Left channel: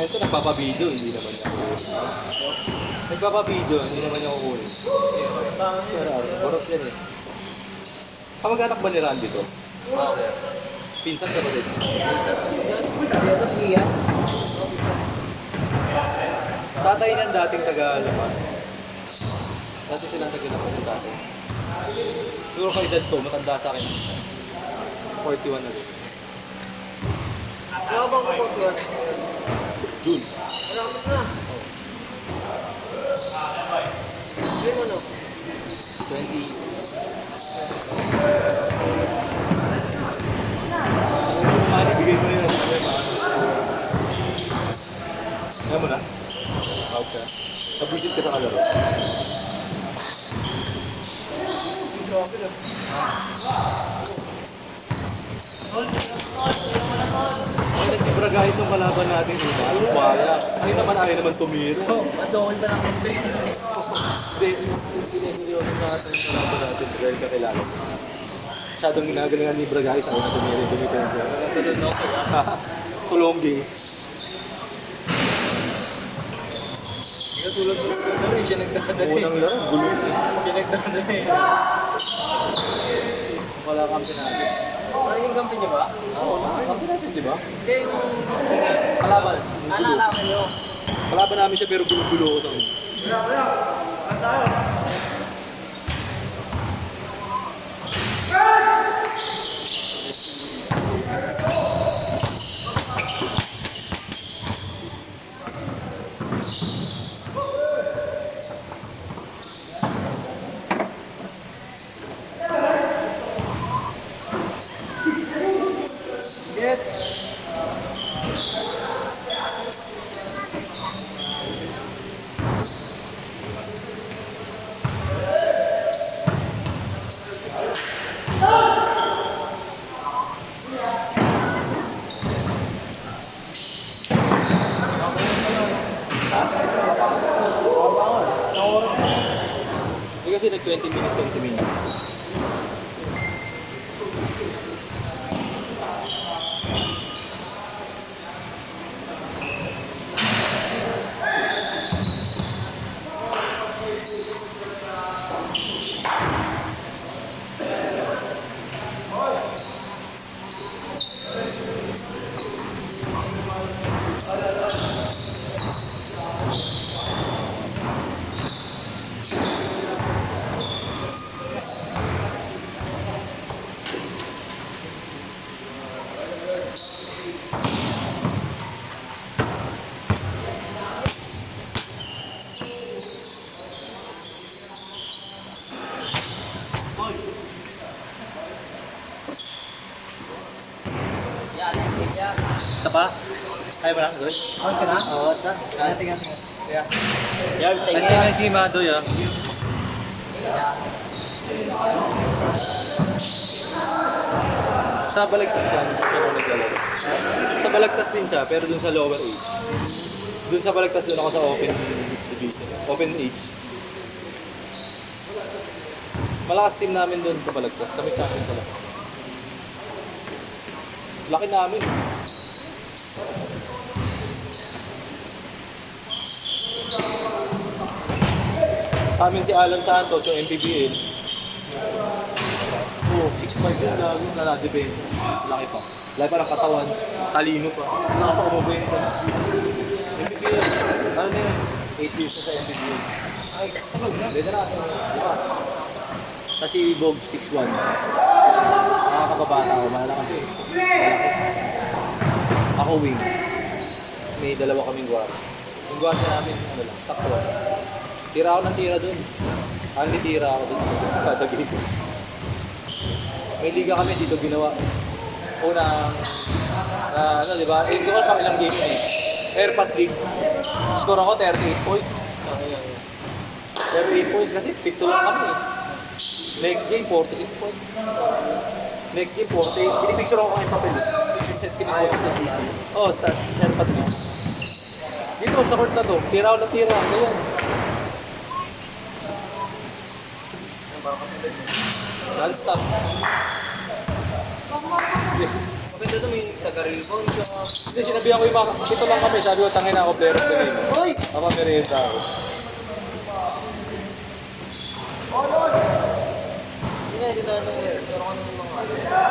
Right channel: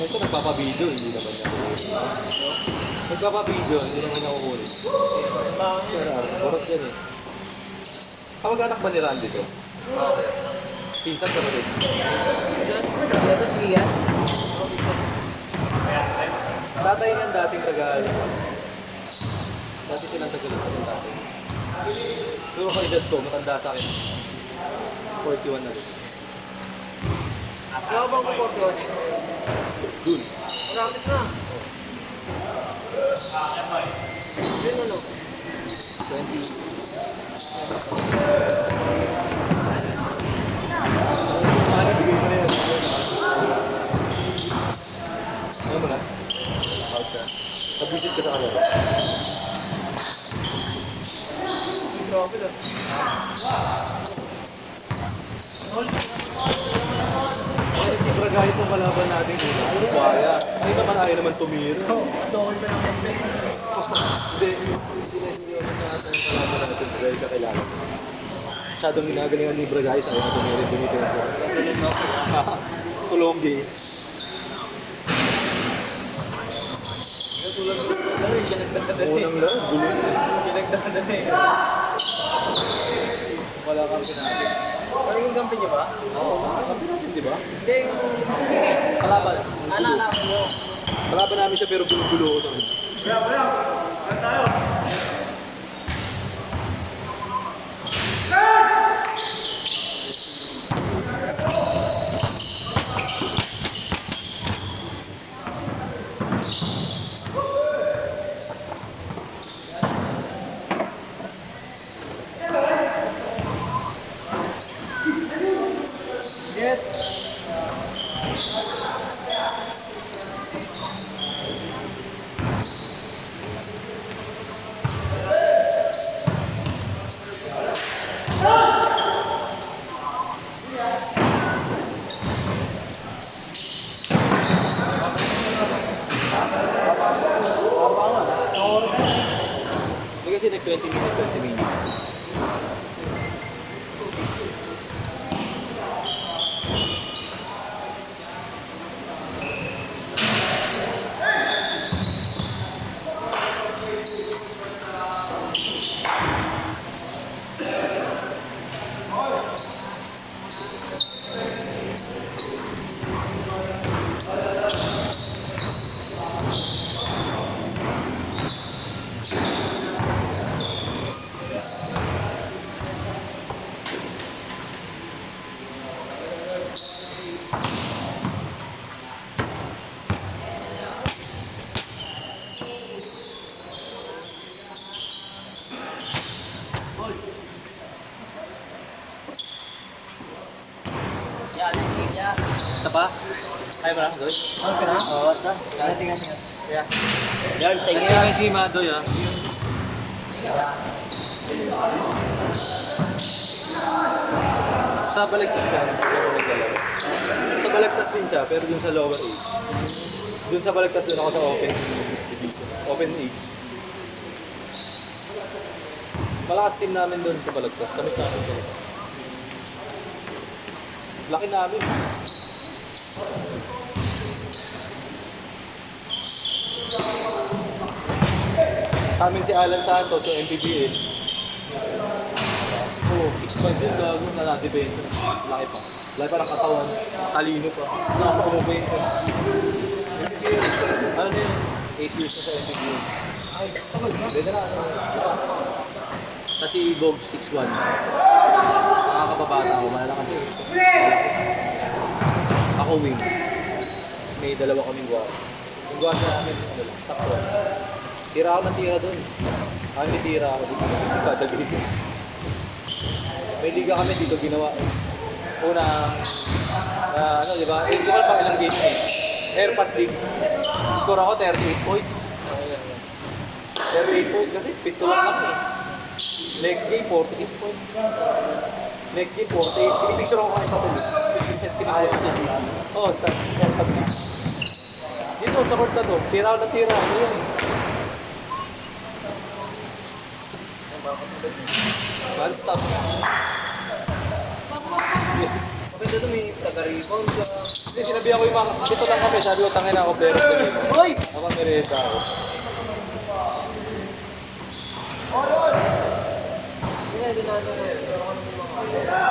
ito nagpapabideo, hindi naman niya kukunin. Nagpapabideo, hindi naman niya kukunin. Borot yan eh. Kamag-anak ba ni Randy to? Pinsan ka ba rin? Tapos Lian. Tatay niyan dating taga-alapas. Dati silang taga-alapas ng tatay. Siguro ka edad ko, matanda sa akin. 41 na rin. Ano bang kukutuan? June. Maramit na. Yun mo no? 20. Bigay mo na yan. Ayaw mo na? Out ka. Nabusit ka sa kalaro. Grabe na. Ay, si Bragais ang kalaban natin. Ay, baya. Ay naman, ayaw naman tumira. Asokon pa ng kape. Hindi, sineseryoso natin ang kalaban natin dahil kakilala. Masyadong ginagalingan ni Bragais, ayaw natin meron dumitenso. Tulong games. Natulog ko na siya nagdadali. Unang laro, gulo na. Siya nagdadali. Wala kang pinagin. Ano yung kampi niya ba? Oo, nakakampi natin, di ba? Hindi yung... Kalaban. Naalala niyo. Kalaban namin siya pero gulo-gulo ko doon. Get. Hindi kasi nag 20 minutes, 20 minutes. Isa pa? Kaya ba na? Good? Ang sina? Oo, ata. Tingnan. Yeah. Yan, stay nga si Madoy ah. Sa balagtas yan, pero naglalaro. Sa balagtas din siya, pero dun sa lower age. Dun sa balagtas dun ako sa open division, open age. Malakas team namin dun sa balagtas, kami sa labas. Laki namin. Sa amin si Alan Santos, yung MPBL. Oo, 6'5 yun, gago, naladibento. Laki pa. Laki pa ng katawan, talino pa. Nakapa-umabento. MPBL, ano yun? 8 years na sa MPBL. Ay, tagal na. Beda na, di ba? Kasi Bog 6'1". Nakakababata ako, malala kasi. Malaki. Ako wing. May dalawa kaming guard. Yung guard namin, ano lang, sakto. Tira ako ng tira doon. Ano tira ako doon? Kada game. May liga kami dito ginawa. Una, ano di ba? Hindi ko pang ilang game eh. Airpat League. Score ako 38 points. 38 points kasi pito lang kami eh. Next game, 46 points. Next game, 48. Pinipicture ako kung papel eh. Oh, stats. Airpat League. Dito, sa court na to. Tira ako ng tira. Ano yan? Non-stop. Maganda ito may taga nagka-rebound ka. Hindi, sinabi ako yung mga, dito lang kami, sabi ko, tangin ako, pero ganito. Hoy! Ako, merienda ako. Hindi na, dinanong mo yun. Pero kami yung mga ano.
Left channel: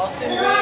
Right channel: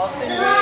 Austin Ray!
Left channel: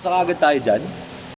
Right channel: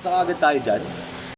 Next na kagad tayo dyan.